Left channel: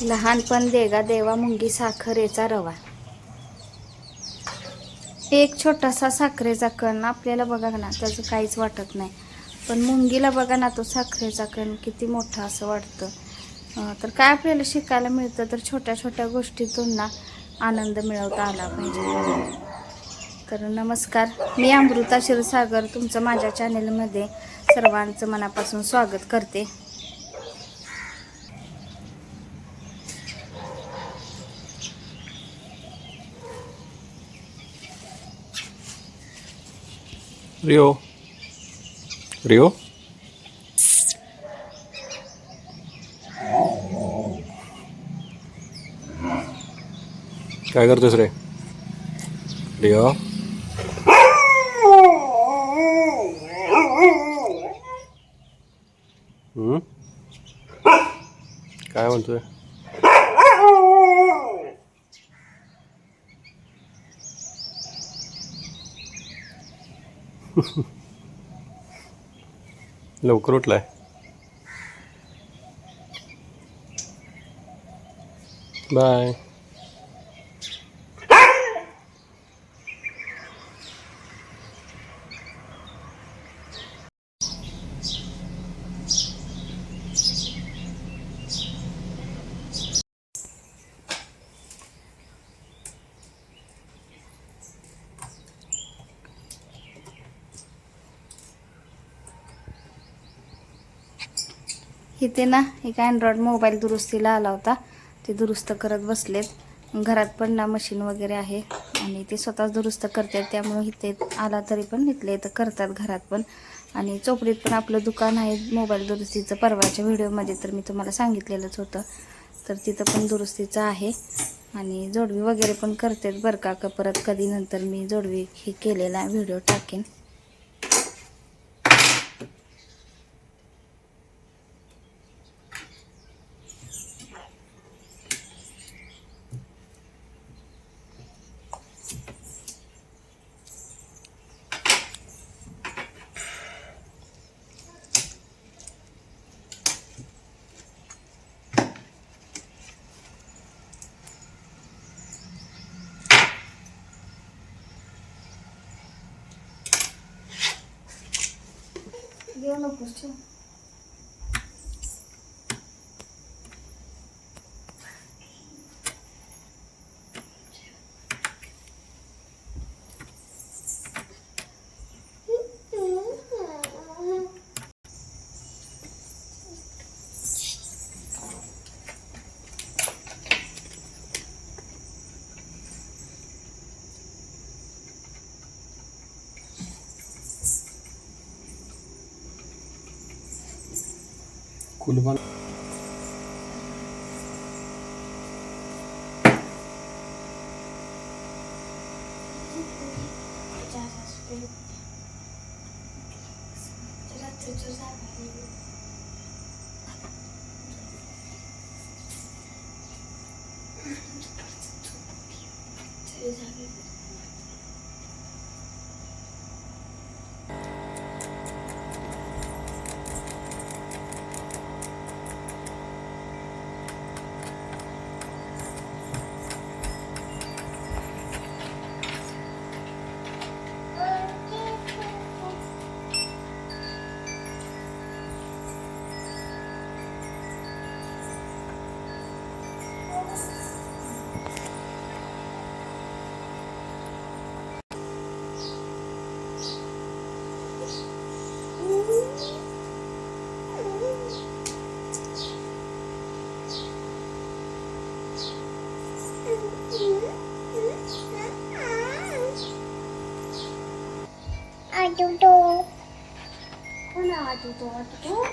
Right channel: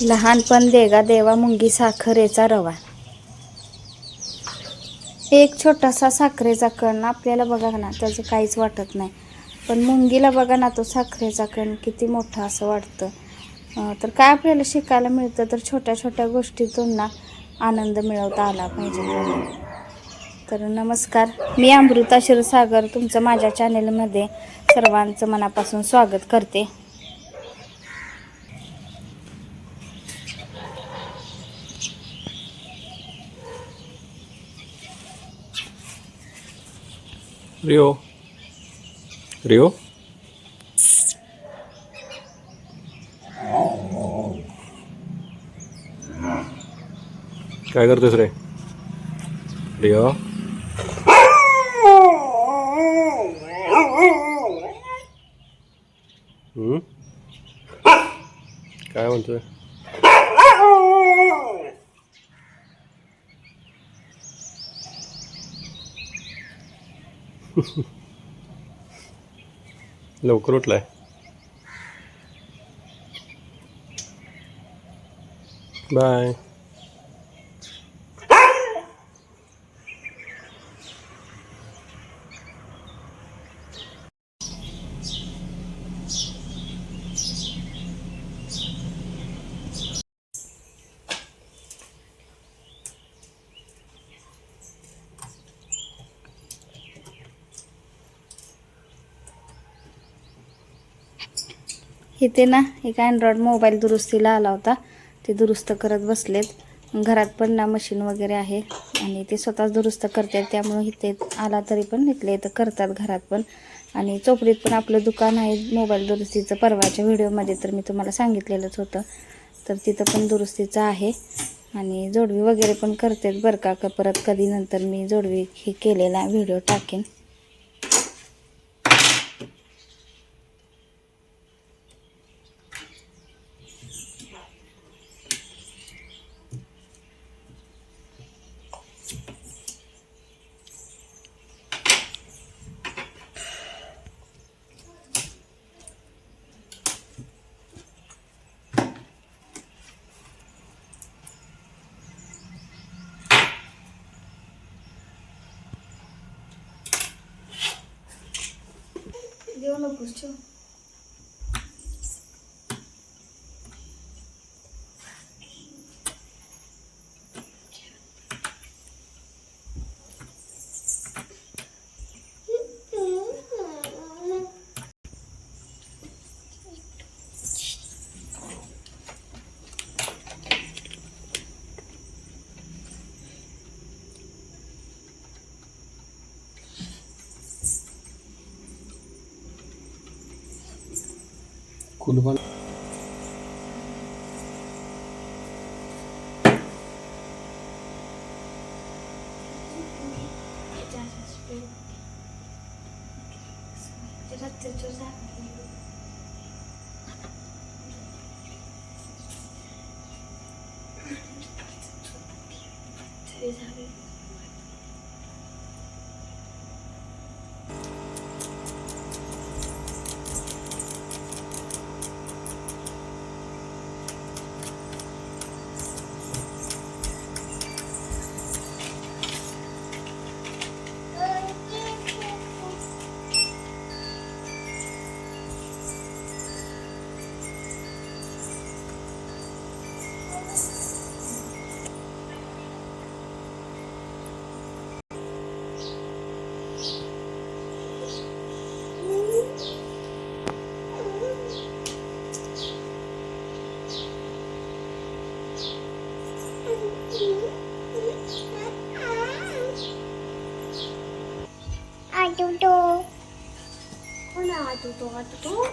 लहानपण देगा देवा मुंगी साखरेचा रवा. एक छोटासा साखरेचा कण आपल्याला बघा ना त्याचं काहीच वाटत नाही. पण मुंगीला बघा ना तो साखरेचा कण किती मोठा असं वाटतं. तर काय आपल्याला शिकायला मिळतं? तर छोट्या छोट्या गोष्टीतून ना आनंद मिळवता आला पाहिजे. तर नमस्कार मी अमृता क्षीरसागर तुमचं माझ्या चॅनेलमध्ये सर्वांचं मनापासून स्वागत करते. रिओ. रिओ? काय करतोस रे? रिओ? काय म्हणतोय? लवकर उठलाय बाय इथे ना एक अँड्रॉइड मोबाईल दुरुस्तीला आला होता. ते दुरुस्त करत बसलेत. घरात पण ना मशीन वगैरे आहे आणि ते स्वतःच दुरुस्त करतात. त्यामुळे इथे आला तरी पण इथले इथं करतात घरात पण. आणि चोपडीत पण आपलं दुकान आहे मोबाईल दुरुस्तीचं. परवाच्या व्हिडिओमध्ये तर मी तुम्हाला सांगितलेलंच होतं. तर तिथं पण दुरुस्तीचं आहे. आणि जोडवी वगैरे पण करतात बरं का. का परत कधी नंतर मी जोडवी हे केलेला व्हिडिओ टाकेन. сделано, пустил. kulübe હતું તો હતું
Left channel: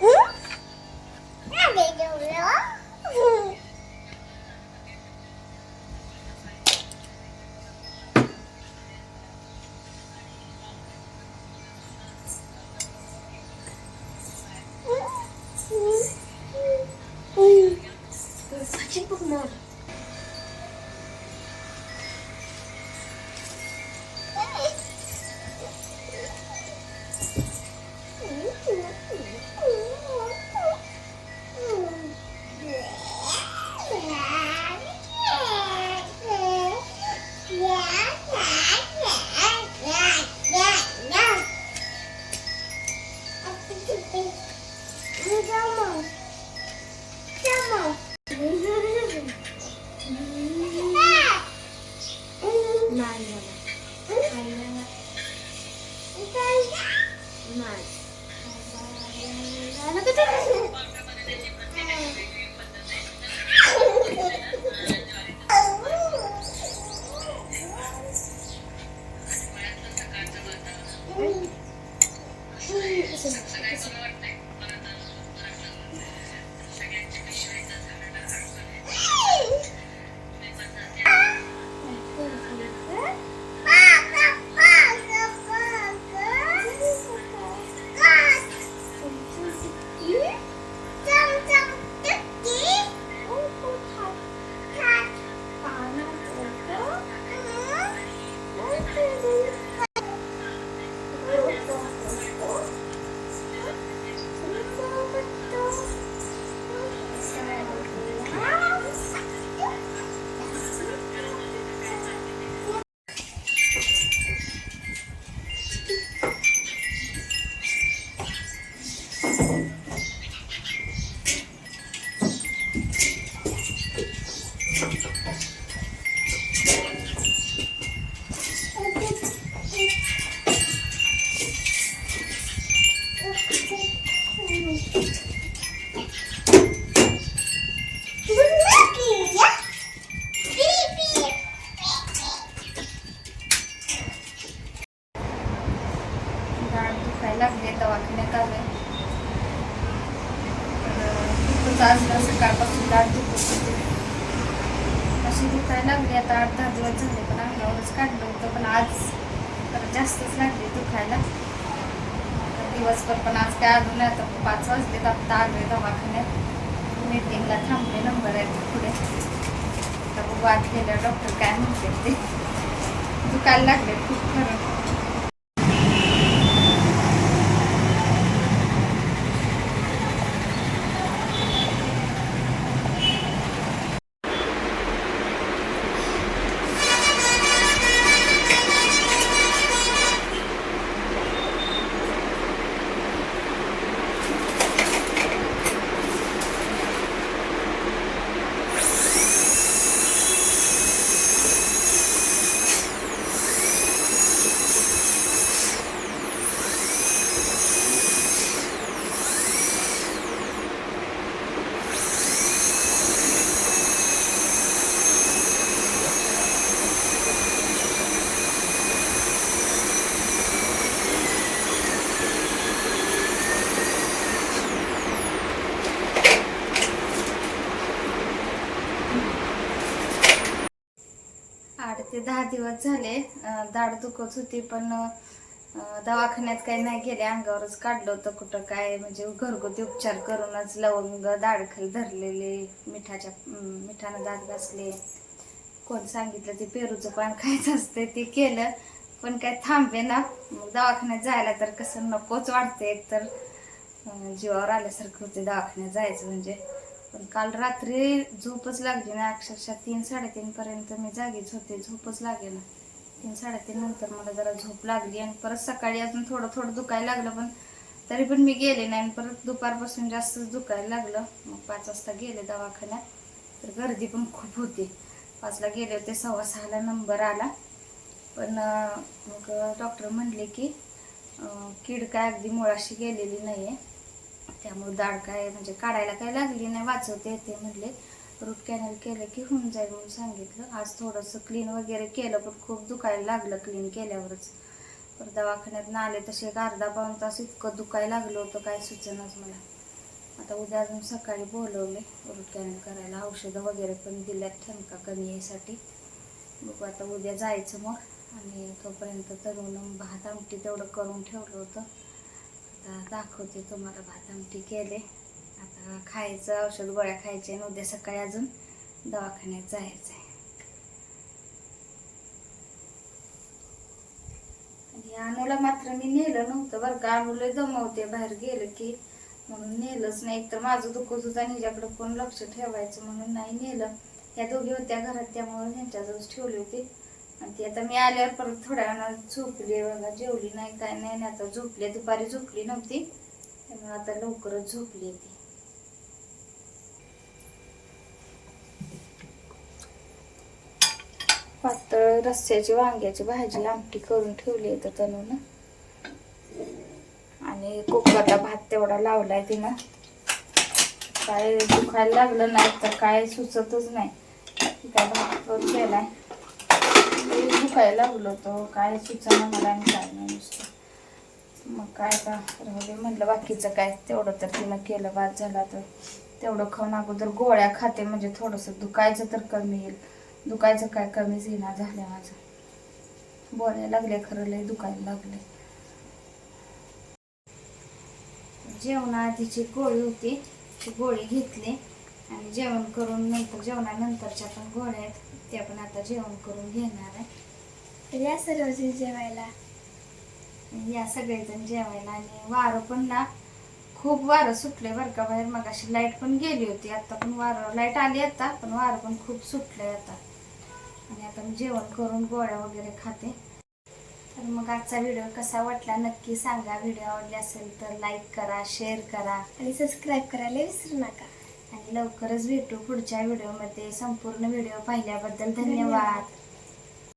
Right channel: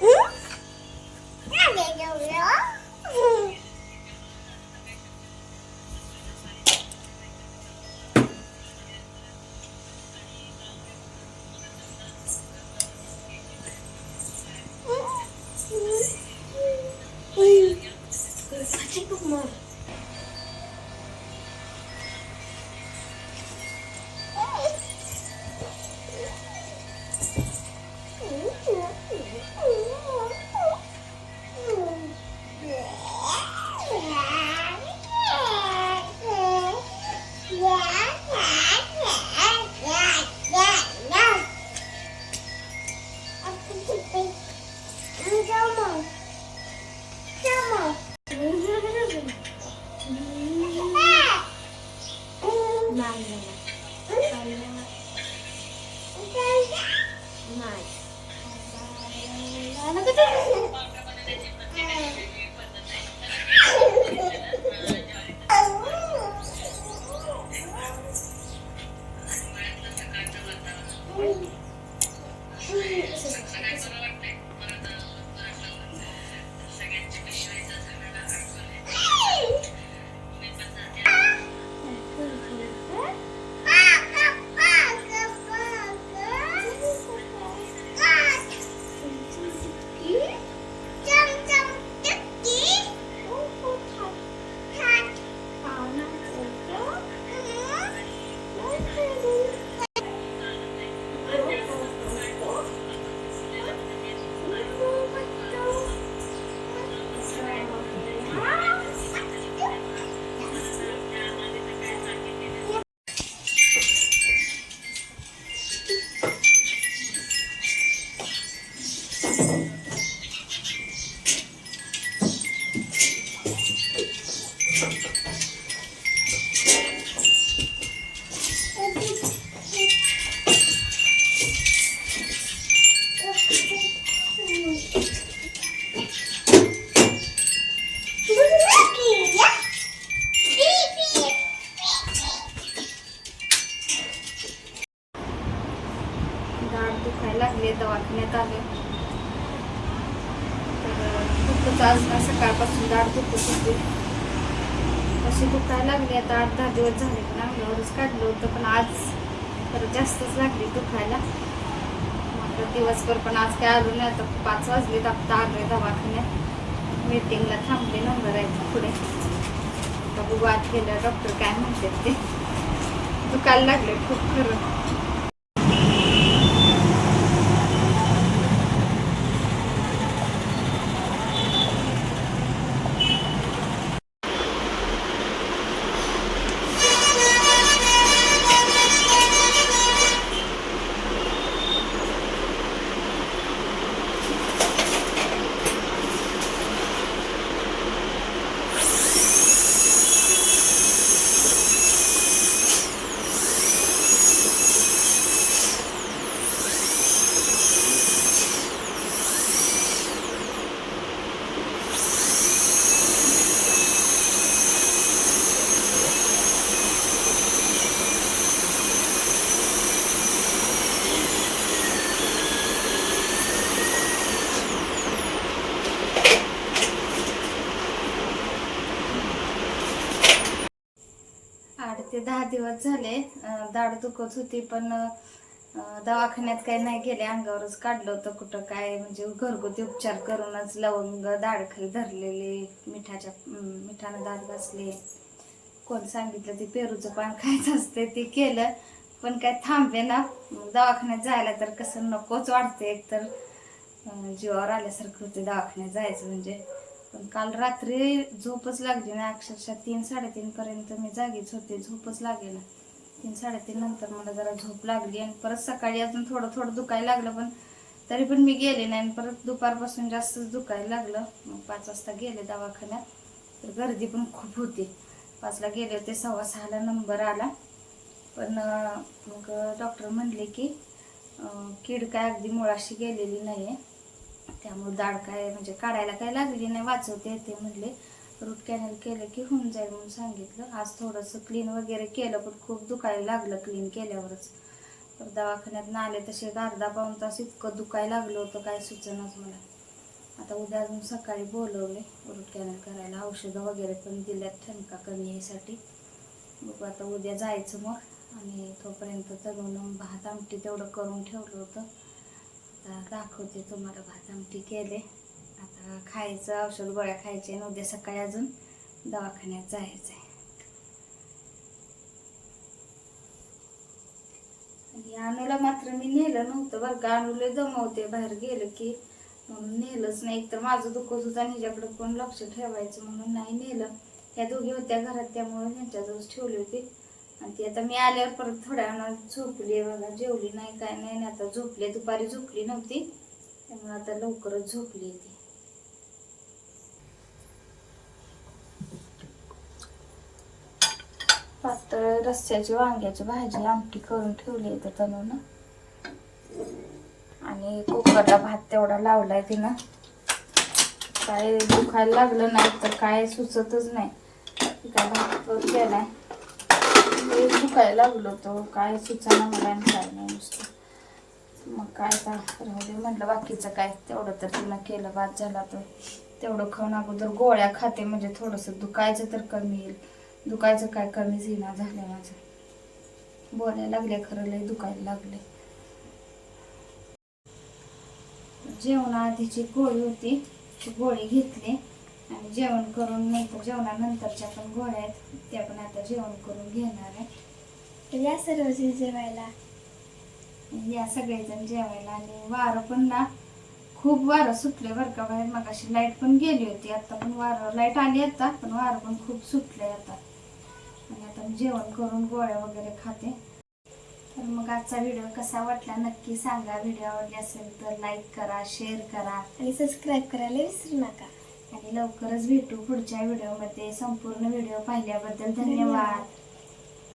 दाढ दुखायला लागली दवाखान्यात आले. तर खूपच आज ना सकाळपासून दाट दुखत होती. अशी दुखायला लागली. आता आठ दहा दिवस झाले पण अंगावरच काढलं होतं पण आज तर जास्तच लागली दुखायला. मग दिवसभर पण आज काय आलो नाही. आता पाच वाजले आता आले दवाखान्यात. मीटिंगला थांबले नंबर आहे पुढे. आता बघू आत गेल्या डॉक्टर काय म्हणतात ते. दुखायला लागले खूप खरं. आठ ते दहा दिवस झाले दाढ दुखत होती पण दवाखान्यात काही नाही गेले अंगावरच काढलं होतं कुठं काय म्हणजे घरगुती उपचार करूनच लवंग दाढखाली धरलेले मिठाच्या मिठानं दात घासले. कोण सांगितलं ते पेरूचं पान खायचं असते ते केलं पण काय थांबे ना. मग दवाखान्यात जायला तर कसं नकोच वाटते एकतर जीवावर आल्यासारखं होते दवाखान्यात जायचं म्हणजे. पण काल रात्री झोपच लागली नाही. अक्षरशः तीन साडेतीन पर्यंत मी जागीच होते. झोपच लागेला तीन साडेतीन नंतर मला जरा झोप लागली आणि परत सकाळी अजून थोडं थोडं दुखायला लागलं पण तरी पण मी गेले नाही आणि परत दुपारपासून जास्तच दुखायला लागलं. मग पाच वाजता गेले दवाखान्यात. तर गर्दी पण खूप होती. पाचला गेले होते सव्वा सहाला नंबर आला. पण मग डॉक्टर म्हणले की कीड काय अगदी मुळाशी गेलेली नाही आहे त्यामुळे दाढ काय म्हणजे काढायला काय लागली नाही वाचवते येते म्हणले. रूट कॅनल केलं की होऊन जाईल म्हणून सांगितलं. आज थोडंसं क्लीन वगैरे केलं पण खूप दुखायला लागलं क्लीन केल्यावरच. तर दवाखान्यात आले तसे एक अर्धा पाऊन तास इतकं दुखायला लागलं होतं काय सुचनाच मला. आता उद्या अजून सकाळी बोलवले रूट कॅनल करायला. औषधं वगैरे पण दिल्यात ठणका कमी यायसाठी बघू आता उद्या जायचं मग. आणि तोपर्यंत तरुण भात आमटी तेवढं करून ठेवलं होतं. आता दाखवते तुम्हाला भात आमटी केले. आता खायचं औषध गोळ्या खायचे आणि उद्या सकाळी अजून दवाखान्यात जायचं आहे. अनुला मात्र मी नेलं नव्हतं बरं का. अनुला जमवते बाहेर गेलं की. म्हणून नेलंच नाही. एकतर माझं दुखत होतं आणि हिच्याकडे कोण लक्ष ठेवायचं म्हणून नाही नेलं. त्या दोघी होत्या घरात त्यामुळे त्यांच्याजवळ ठेवली होती. आणि ती आता मी आल्यावर परत थोड्या वेळानं झोपली बघा. जेवली नाही काय नाही आता झोपली दुपारी झोपली नव्हती. त्यामुळे आता लवकरच झोपली ती. पातळ रस्स्याची वांग्याची भाजी आमटी करून ठेवली आहे तनून. आणि कोकणाचा भात तेवढा लावलाय तिनं. काय दुखायला लागलं नाही तर काय सुचतच नाही. भात काय भात केलाय. ते दुखायला लागलो तो काय सुचना मला आणि काय नाही नुसतं. मग काय का राहू दे म्हटलं बाकीचं काय? तेवढं तर तिला केलं बाद झाला तर तेवढं खाऊन अगोदर गोळ्या खाते म्हणजे थोडंसं दुखायचं तर कमी येईल. दुखायचं काय कमीच येणार झालं माझं. बोलायला लागले खरं लय दुखायला लागले. जेवणाआधीची गोळी होती ती गोळी घेतली. आणि जेवण करून नंतर जेवणानंतरच्या पण गोळ्या आहेत त्या पण आता जेवण करून घेणार आहे. या सर्व जेवायला? या सगळेजण जेवायला आणि वारं पण ना खूप वारं सुटले बरं का बाहेर. मग अशी लाइट पण गेली होती आता पण वारं लाइट आली आता पण वारं पण खूप सुटलंय आता. आणि आता मी जेवण करून गोळ्या वगैरे खाते. तर मग आजचा व्हिडिओ कसा वाटला नक्की सांगा. व्हिडिओ आवडले असेल तर लाईक करा शेअर करा. आणि सबस्क्राईब करायला विसरू नका. आणि लवकरच भेटू पुढच्या व्हिडिओमध्ये संपूर्ण व्हिडिओ पाहिल्याबद्दल धन्यवाद.